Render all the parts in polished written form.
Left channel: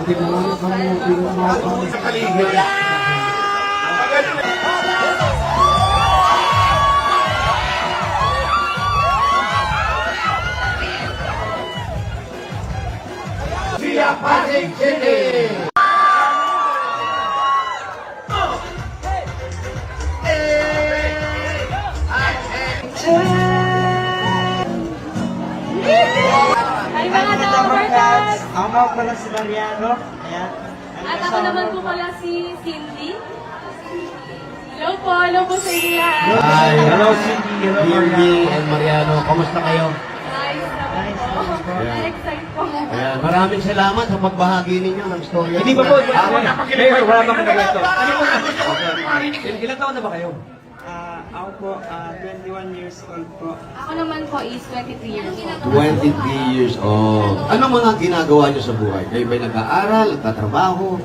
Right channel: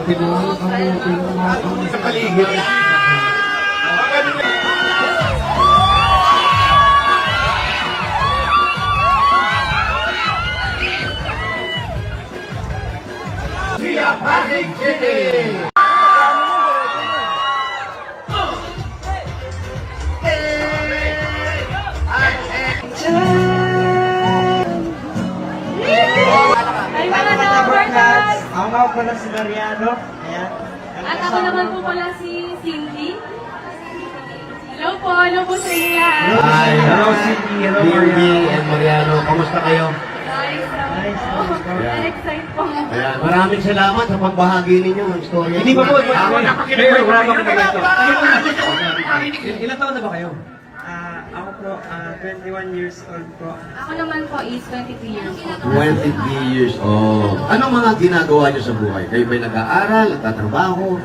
Buti mo ang kamuti mo mga paligid. Siya Pasig City! Ako nga pala si Mariano. Ayan. At ako naman po pala si Cindy. Hello po sa inyo lahat. Hi, hello Cindy, hello Mariano and Mariano. Kamusta kayo? Nice po. Excited po. Ayan, maraming salamat sa pagbahagi ninyo ng storya. Hindi ba po? Pero wala pa kita ganito. Ilan taon na ba kayo? Ako po, 21 years old po. Ako naman po is 23 years old. 23 years old. Ano mga ginagawa niyo sa buhay? Kayo may nag-aaral, nagtatrabaho?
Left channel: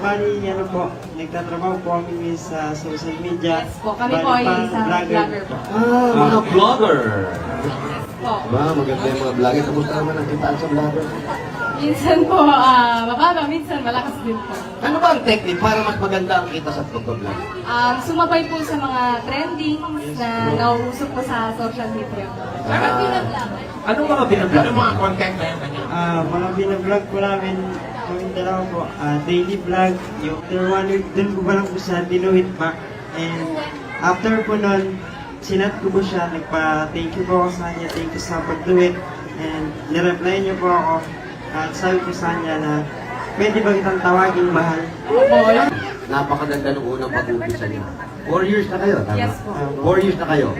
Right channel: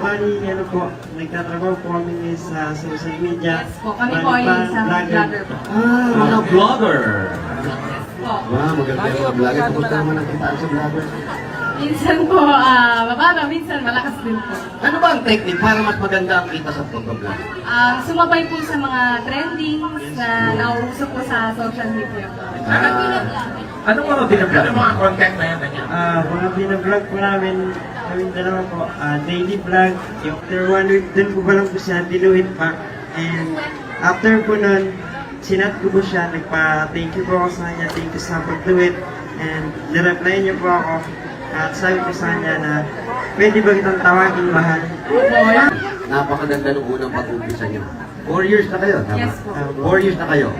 Bali, ano po, nagtatrabaho po kami sa social media. Yes po, kami po ay isang vlogger po. Mga vlogger. Yes po. Maganda yung mga vlogger. Kumusta naman ang kitaan sa vlogger? Minsan po, mababa, minsan malakas din po. Ano ba ang technique para mas maganda ang kita sa vlog? Sumabay po sa mga trending na nauuso po sa social media po. Anong mga binablog? Ano mga content na yan? Mga binablog po namin, kaming dalawa po, daily vlog, yung after 1 week, dun ko pa lang po siya dinuhit pa. And after po nun, sinat ko po siya, nagpa-thank you po ako sa kanya, thank you sa pag-do-it. And nireply niyo po ako, at sabi ko sa kanya na, pwede ba kitang tawagin mahal? Napakaganda ng unang pag-umpisa niyo. 4 years na kayo, tama? Yes po. 4 years na kayo.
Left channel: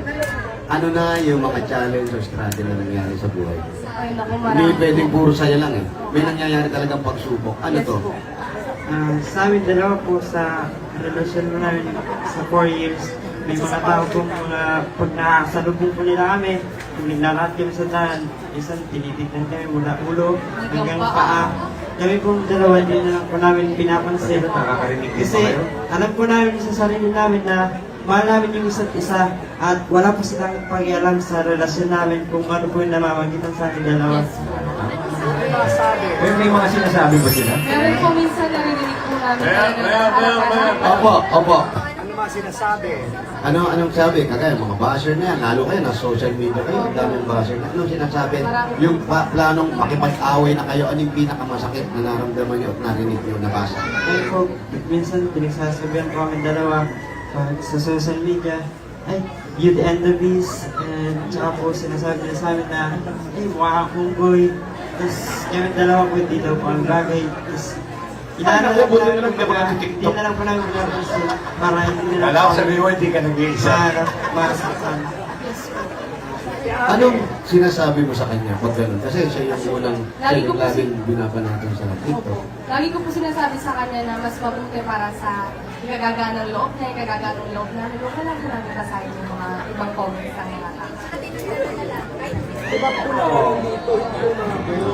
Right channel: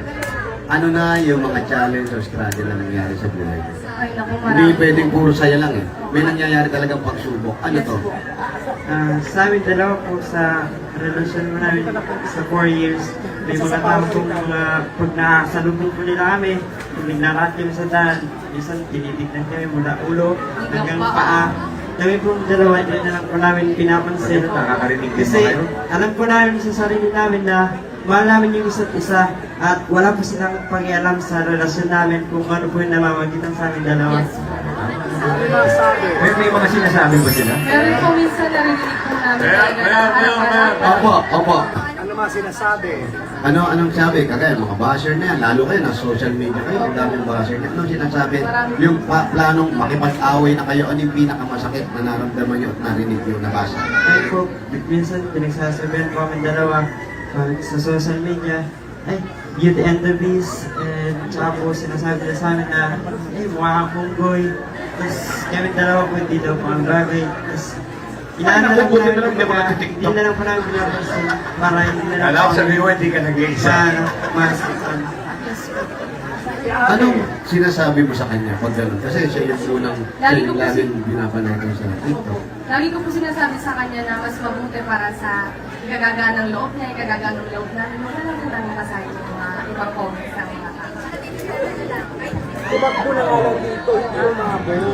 Ano na yung mga challenge or struggle na nangyari sa buhay? Ay, naku, Hindi marami. pwedeng puro saya lang eh. May nangyayari talagang pagsubok. Ano Yes to? po. Sa amin dalawa po sa relasyon mo namin sa 4 years, may mga tao po pag nakasalubong po nila kami, kung naglalat kami sa daan, minsan tinitignan kami mula ulo hanggang paa. Kami po dalawa din na lang po namin pinapansin. Kasi alam po namin sa sarili namin na mahal namin yung isa't isa at wala po silang pakialam sa relasyon namin kung ano po yung namamagitan sa amin dalawa. Yes po. May mga sinasabi ba sila? Pero po minsan narinig po namin na Opo. Ano mga sinasabi? Anong sabi? Kagaya mga basher na yan, lalo kayo na social media kayo, ang daming basher na. Anong sinasabi? Yung planong makipag-away na kayo, ano yung pinakamasakit na naramdaman nyo at narinig nyo nabasa? Ay po, minsan pinagsasabihan po kami dalawa sa social media, ay, beauty and the beast, and tsaka po sinasabi nila sa amin na, ay, mukha kang punggoy, tapos kami dalawa po hindi daw po ang bagay, tapos inaano lang po namin, hindi na lang po namin pinapansin, para hindi na lang Alam ko sabi mo, hindi ka nag-iisa. masakitan. Anong sinasabi mo sa kanya pag gano'n? Kasi siya yung unang Lagi ko po laging binapanagan sa TikTok. Lagi ko po sinasabi sa kanya na mas mabuti para sa ikagaga ng loob niya, ikagaga ng loob natin. Wala lang po namin kasahin yung mga ibang comments sa mga tao. Tulad po na dito, yung mga buo.